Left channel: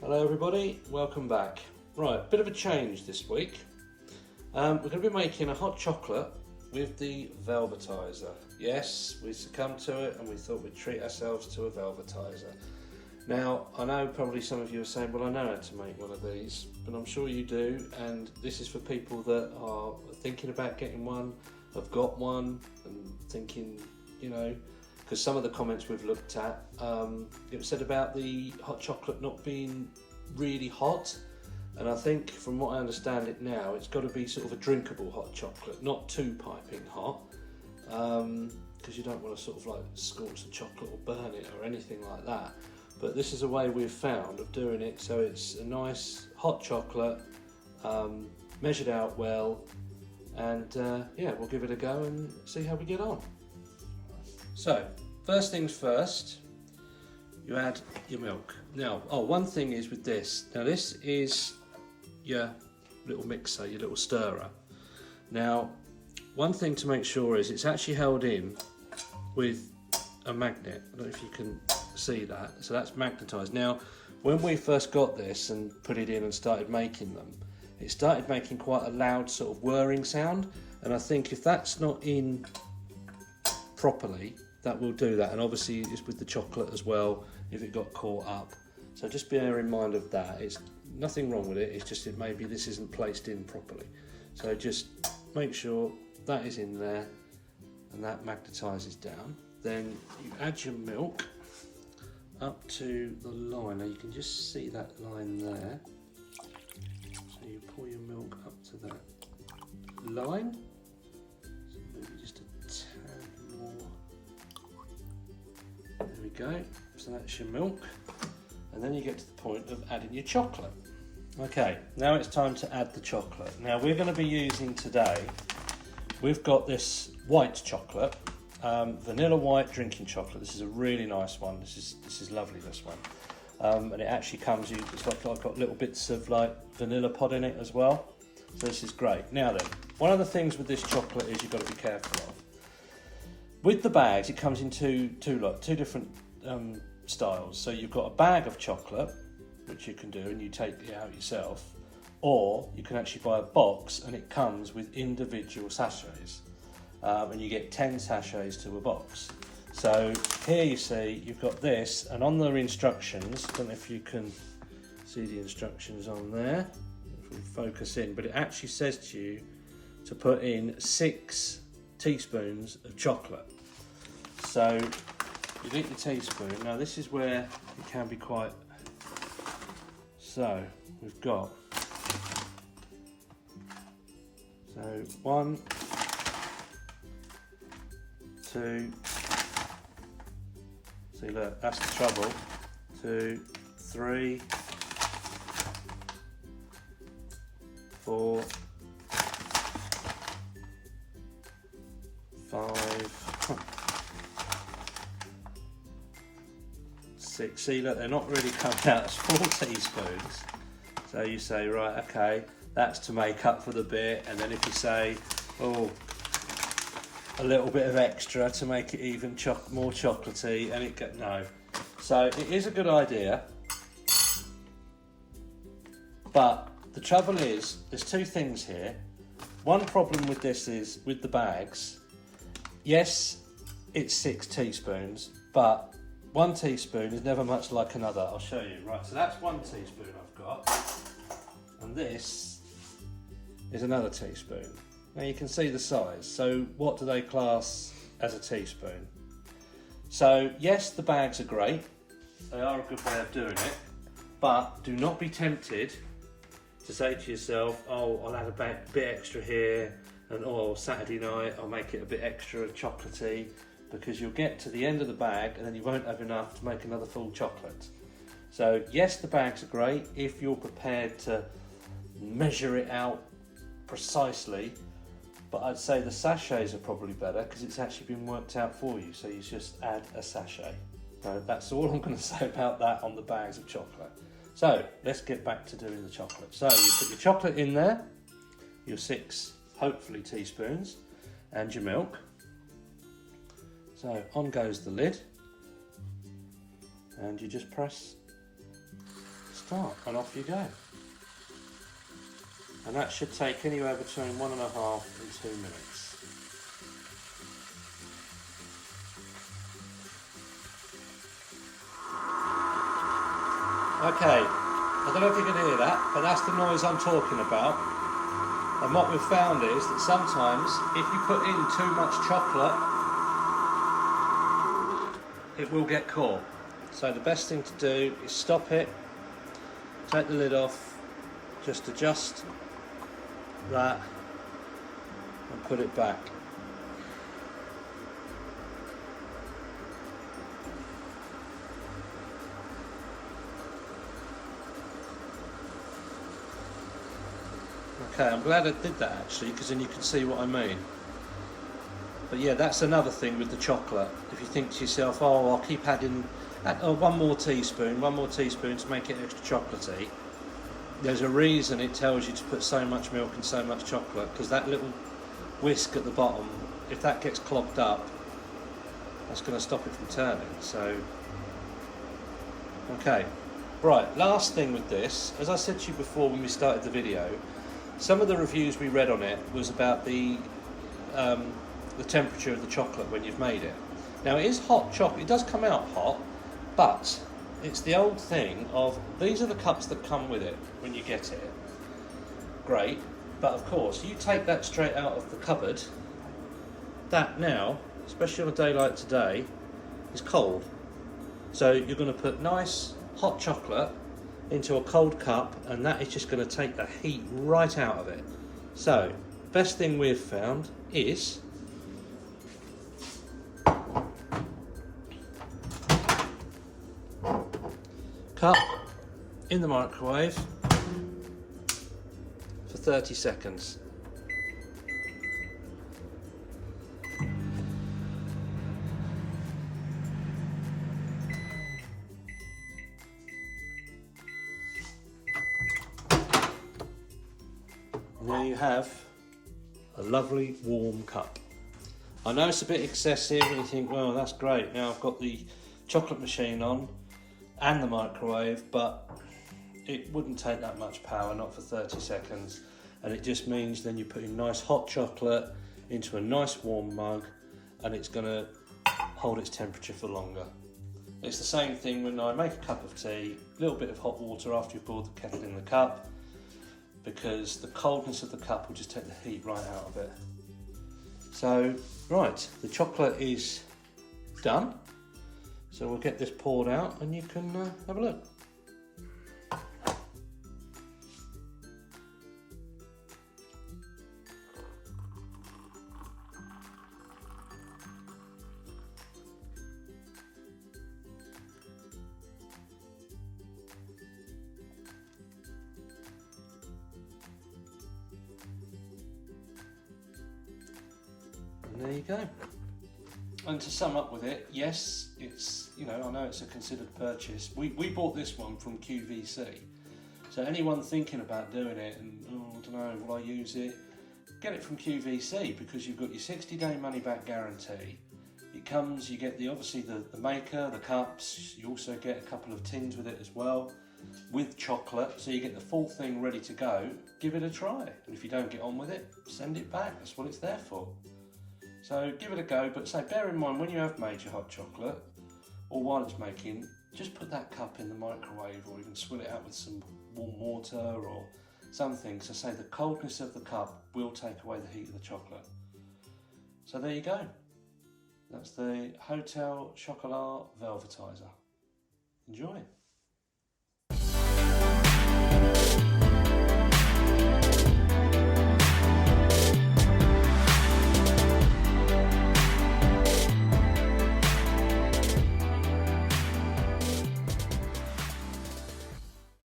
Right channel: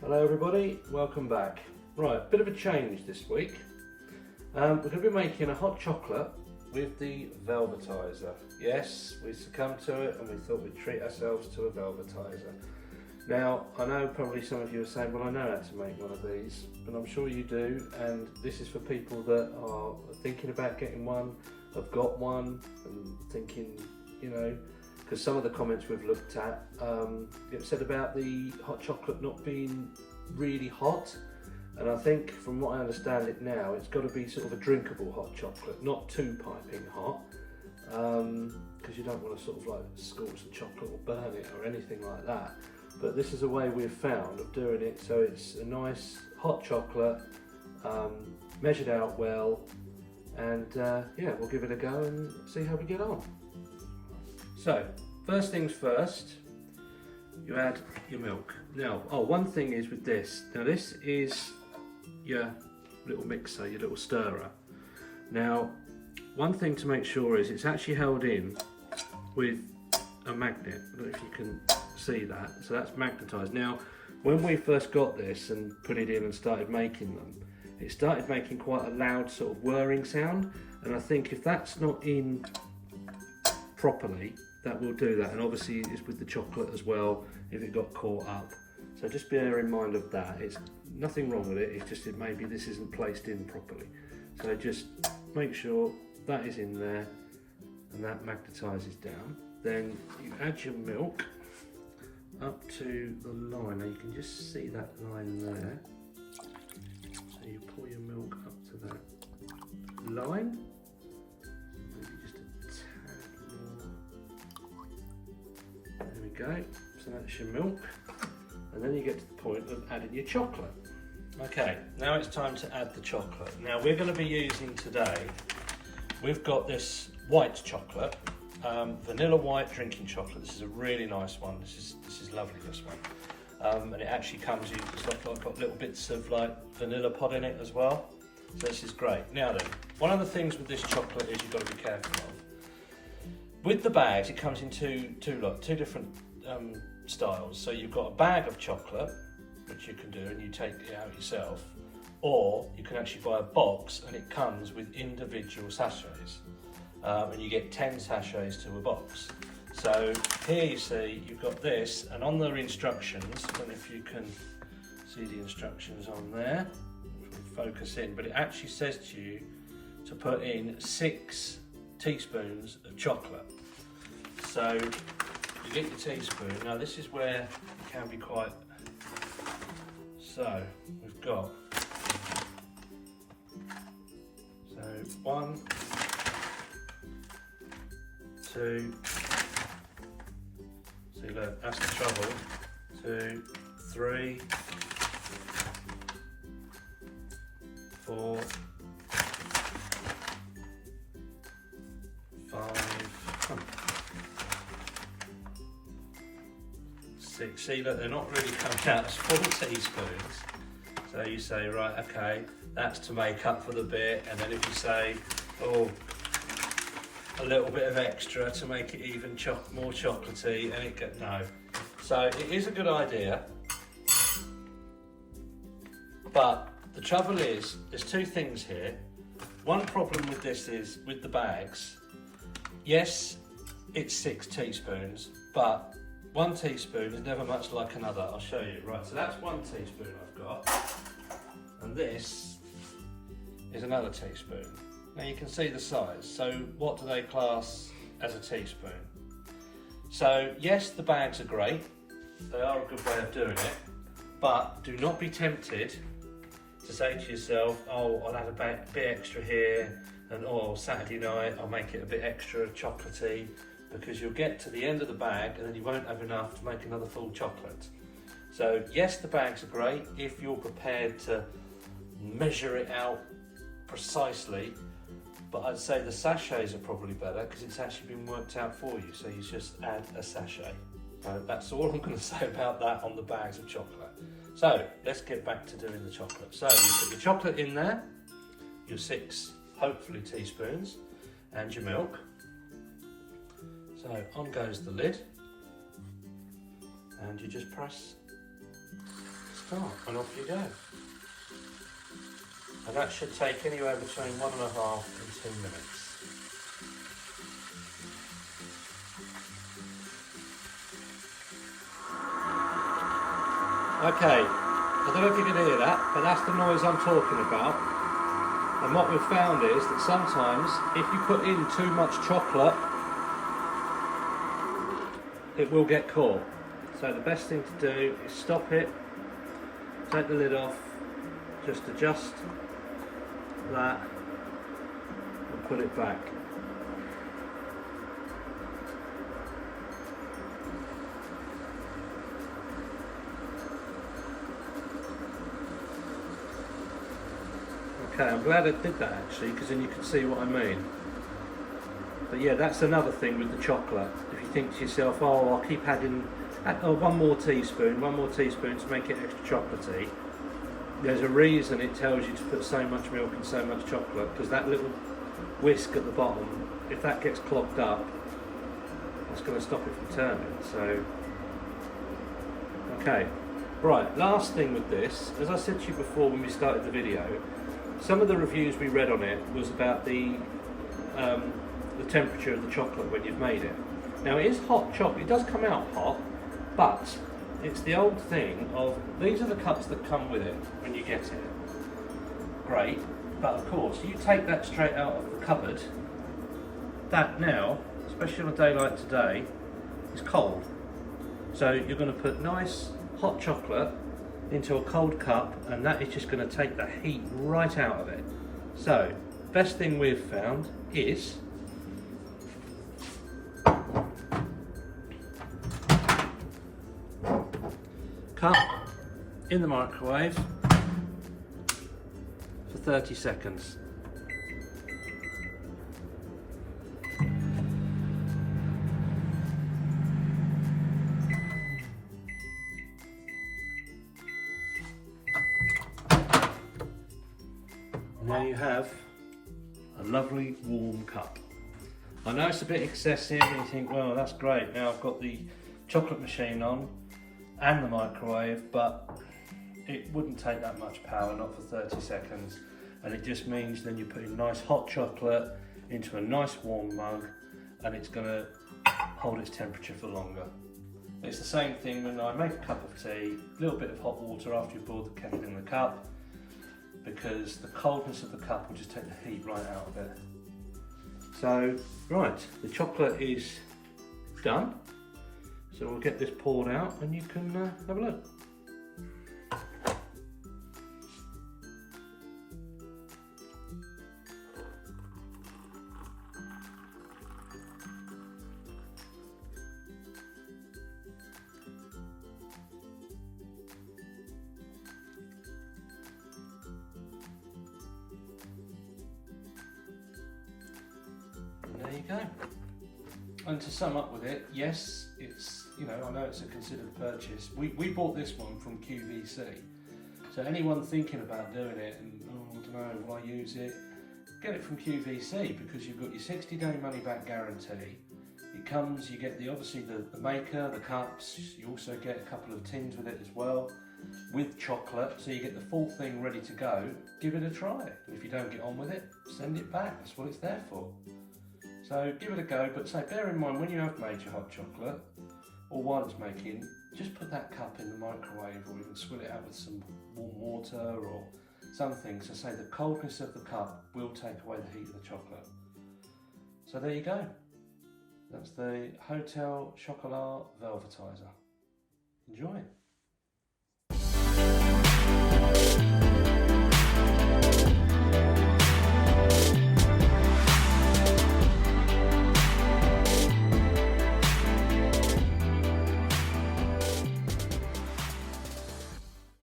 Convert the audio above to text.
Hello everybody, welcome back. Right, bit of a change this week. We're going to be making a hot chocolate with the Velvetiser. Yes, we succumbed to it and we thought we'd treat ourselves to a Velvetiser. Now, I know probably some of you are saying, well, I know how to make one of these, but I'm sure you do, and this is for people that are thinking about getting one, have got one, and thinking, you know, because some of the comments we've looked at, it said about the hot chocolate not being really hot, and I think from what I understand it now, it's got to be sort of a drinkable hot chocolate, not too piping hot, because you don't want to sort of like scorch the chocolate or burn it or anything like that. But this is a way we've found of doing it so it's a nice hot chocolate, measured out well, and yeah, we'll give it a go and see how we get on. So, first things first, you add your milk. Now, one thing is with this, now this is your little mixer, your little stirrer. Now, one thing to make sure is it's actually held in with a magnet. I don't know if you can see that. So that's magnetised. Now, when we first got this and put it in and started making them, it started making quite a loud sort of whirring sound, and I think if that's not in properly, that will do that. And obviously it's with the chocolate as well if it got caught up, so just bear in mind of that. It's nothing wrong with it, it's just that maybe this isn't placed in properly, so just make sure that is in there and that magnetises down. Then you add your milk up to the line. Now you can just see that line there, so you pour your milk up to that line, so maybe just a tad more. There we go, so that's your milk, and then you get to the point of adding your chocolate. Okay, now it's time to add the chocolate. Now we're going to be using today, we've got this white chocolate, vanilla white drinking chocolate. This is a really nice one. This is lovely, this one, and it actually comes, it's like got little bits of like vanilla pod in it as well, so this is great. Now then, one of the things with this chocolate is you've got to be careful of. With the bags, it comes in two different styles. So you've got a bag of chocolate, which you can do, and you take it out yourself, or you can actually buy a box and it comes with individual sachets, and you get 10 sachets to a box. So here you see you've got this, and on the instructions, I don't know if you can see the instructions on there, if we focus in, but it actually says to you to put in 6 teaspoons of chocolate. So you get your teaspoon. Now this is where it can be quite, so we've got, so 1, 2, see look, that's the trouble, 2, 3, 4, 5, 6. See, look, they're not really coming out as full teaspoons. So you say, right, okay, that's to make up for the bit, and then if you say, oh, a little bit of extra to make it even more chocolatey, and it get no. So it is a good idea, but the trouble is, there's 2 things here. One problem with this is with the bags. Yes, it's 6 teaspoons, but 1 teaspoon is never much like another. I'll show you. Right, so that's 1 teaspoon I've got, and this is another teaspoon. Now you can see the size. So what do they class as a teaspoon? So yes, the bags are great. They are a good way of doing it, but do not be tempted to say to yourself, oh, I'll have a bit extra here, and oh, Saturday night I'll make it a bit extra chocolatey, because you'll get to the end of the bag and then you won't have enough to make another full chocolate. So yes, the bags are great if you're prepared to measure it out precisely, but I'd say the sachets are probably better because it's actually been worked out for you, so you just add a sachet. So that's all I'm going to say about that on the bags of chocolate. So let's get back to doing the chocolate. So you put your chocolate in there, your 6, hopefully, teaspoons, and your milk. So on goes the lid, and you just press start, and off you go. And that should take anywhere between 1.5 and 2 minutes. Okay, I don't know if you can hear that, but that's the noise I'm talking about. And what we've found is that sometimes if you put in too much chocolate, it will get caught. So the best thing to do is stop it, take the lid off, just adjust that and put it back. Okay, I'm glad I did that actually, because then you can see what I mean. But yeah, that's another thing with the chocolate. If you think to yourself, oh, I'll keep adding one more teaspoon to make it extra chocolatey, there's a reason it tells you to put so much milk and so much chocolate, because that little whisk at the bottom, if that gets clogged up, that's going to stop it from turning. So, okay, right, last thing with this, as I said to you before when we started the video, some of the reviews we read on it was about the temperature of the chocolate when you've made it. Now it is hot chocolate, it does come out hot, but it's the old thing of, these are the cups that come with it when you get it. Great, but of course, you take that straight out of the cupboard, that now, especially on a day like today, is cold. So you're going to put nice hot chocolate into a cold cup, and that is just going to take the heat right out of it. So, best thing we've found is cup in the microwave for 30 seconds. And there you have a lovely warm cup. I know it's a bit excessive and you think, well, that's great, now I've got the chocolate machine on and the microwave, but it wouldn't take that much power, not for 30 seconds. And it just means then you're putting nice hot chocolate into a nice warm mug, and it's going to hold its temperature for longer. It's the same thing when I make a cup of tea, a little bit of hot water after you've poured the kettle in the cup, because the coldness of the cup will just take the heat right out of it. So, right, the chocolate is done. So we'll get this poured out and you can have a look. There you go. And to sum up with it, yes, it's, you know, I know it's a considered purchase. We bought this one from QVC. So anyone thinking about doing it and, oh, I don't know, will I use it? Get it from QVC, because you've got your 60-day money-back guarantee. It comes, you get obviously the maker, the cups, you also get a couple of tins with it as well, with chocolate, so you get the full thing ready to go. Give it a try. And if you don't get on with it, send it back. That's what it's there for. So give it a go, but say, bear in mind when you have made your hot chocolate, or while it's making, just put that cup in the microwave, or even swill it out with some warm water or something. So say the coldness of the cup will take away the heat of the chocolate. So there you go. That's the Hotel Chocolat Velvetiser. Enjoy.